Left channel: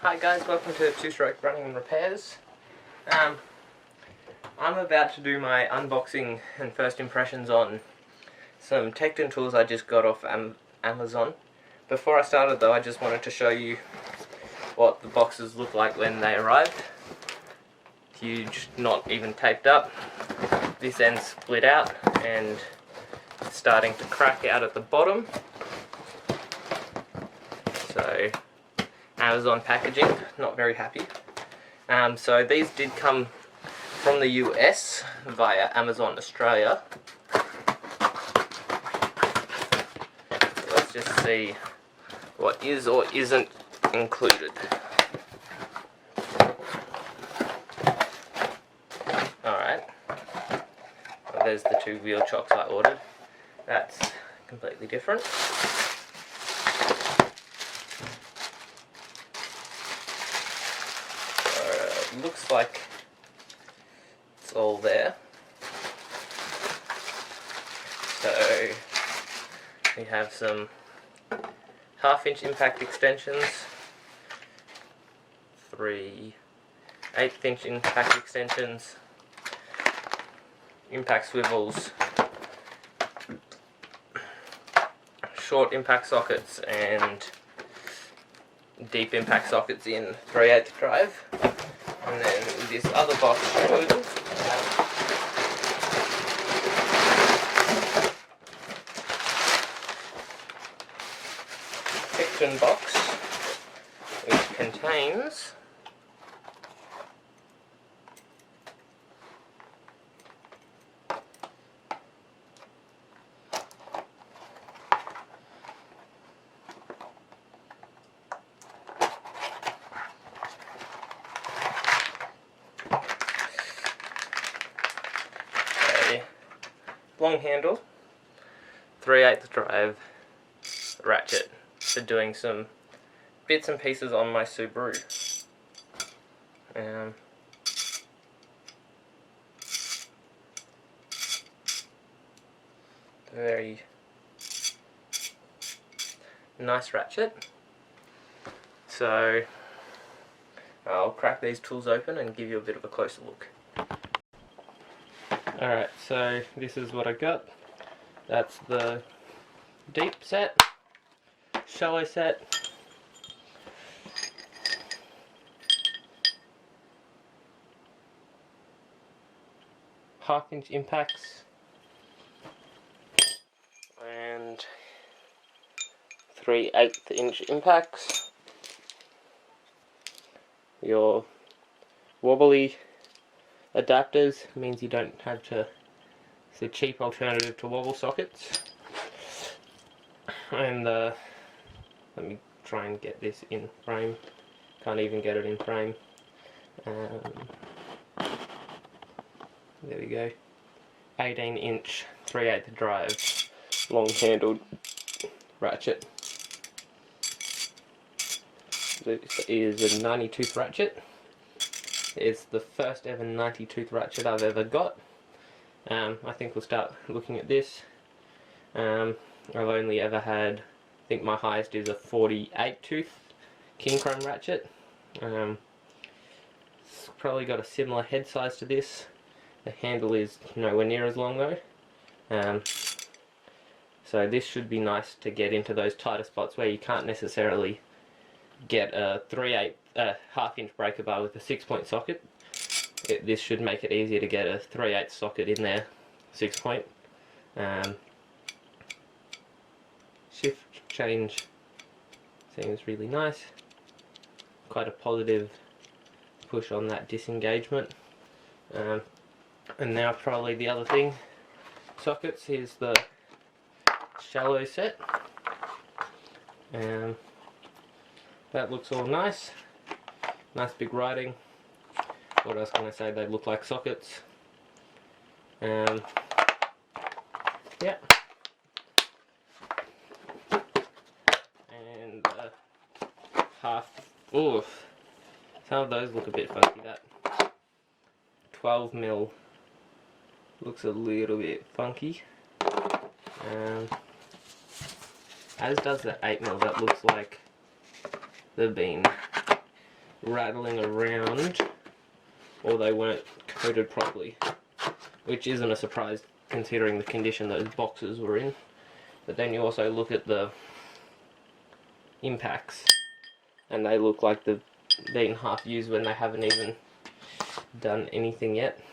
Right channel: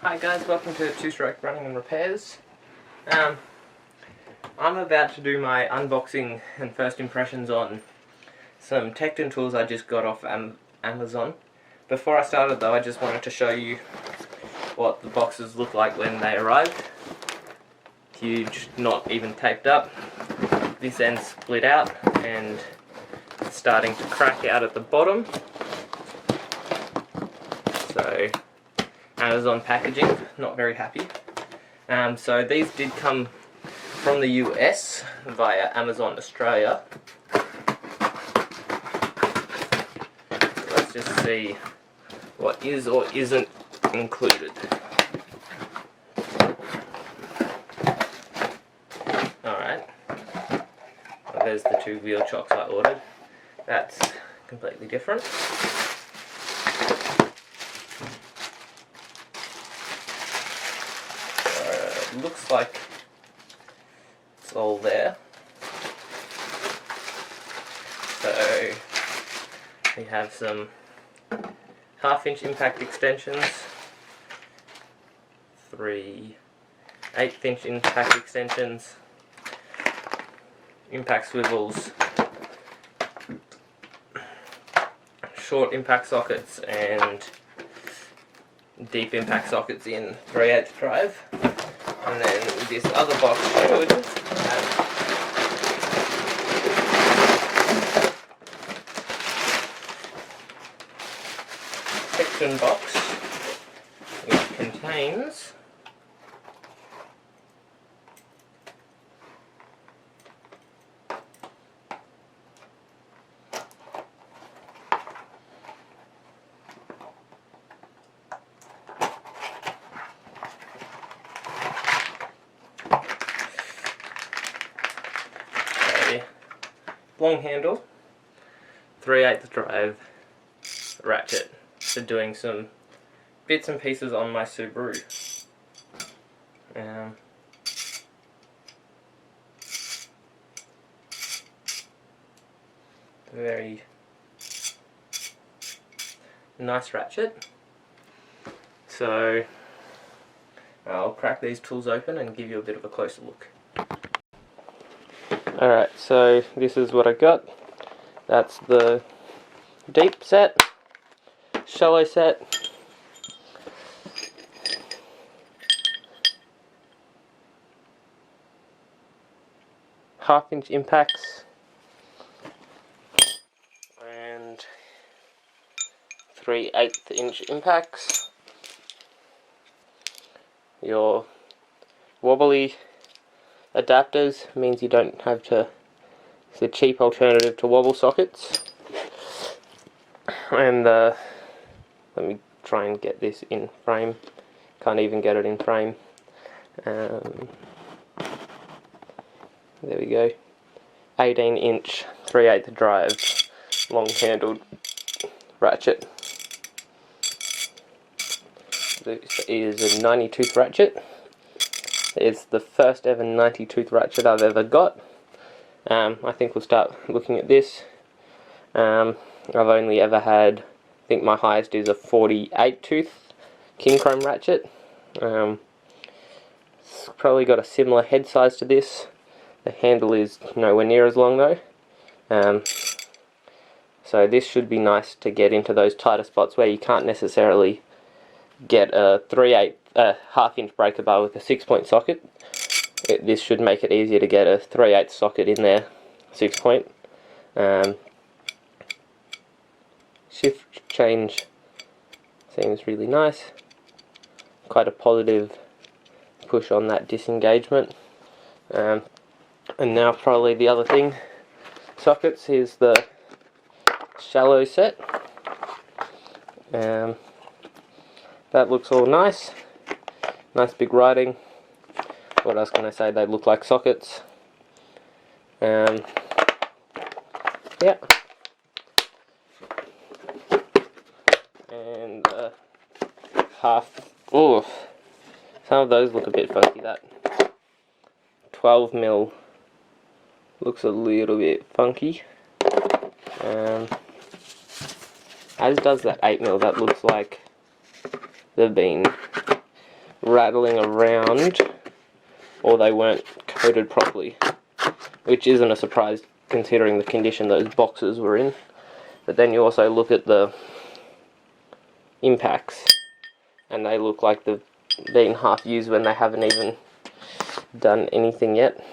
Hi guys, welcome to Two Stroke Running and Repairs. I'm about to do my unboxing and first impressions on some Tekton tools I just got off Amazon. Before I started though, I just wanted to show you what the boxes look like when they arrived. Huge, not even taped up. This end's split out and starting to crack out at the bottom. So Amazon packaging, not very happy. So these did come from the US via Amazon Australia. So let's just see what is or isn't included. Alright, well, there's the two wheel chocks I ordered. That's completely different. Looks like it's all there. So we have some 1/2 inch impact extensions, 3 1/8 inch impact extensions, impact swivels, short impact sockets and deep impact sockets in 3/8 drive. And then this other box should have Tekton box, which contains long handle, 3/8 drive ratchet for doing some bits and pieces on my Subaru. Very nice ratchet. So I'll crack these tools open and give you a bit of a closer look. Alright, so this is what I got. That's the deep set, shallow set, half-inch impacts, and 3/8 inch impacts. Your wobbly adapters means you don't have to, it's a cheap alternative to wobble sockets. And let me try and get this in frame, can't even get it in frame. There we go, 18 inch 3/8 drive long handled ratchet. This is a 90 tooth ratchet. It's the first ever 90 tooth ratchet I've ever got. I think we'll start looking at this. I've only ever had, I think my highest is a 48 tooth king chrome ratchet. It's probably got a similar head size to this. The handle is nowhere near as long though. So this should be nice to get into those tighter spots where you can't necessarily get a 3/8 1/2 inch breaker bar with a 6-point socket. This should make it easier to get a 3/8 socket in there, 6-point. Shift change seems really nice. Quite a positive push on that disengagement. And now probably the other thing, sockets. Here's the shallow set. That looks all nice. Nice big writing. What else can I say? They look like sockets. Yeah. And ooh, some of those look a bit funky. That 12mm looks a little bit funky. As does that 8mm. That looks like they've been rattling around, or they weren't coated properly, which isn't a surprise considering the condition those boxes were in. But then you also look at the impacts, and they look like they've been half used when they haven't even done anything yet.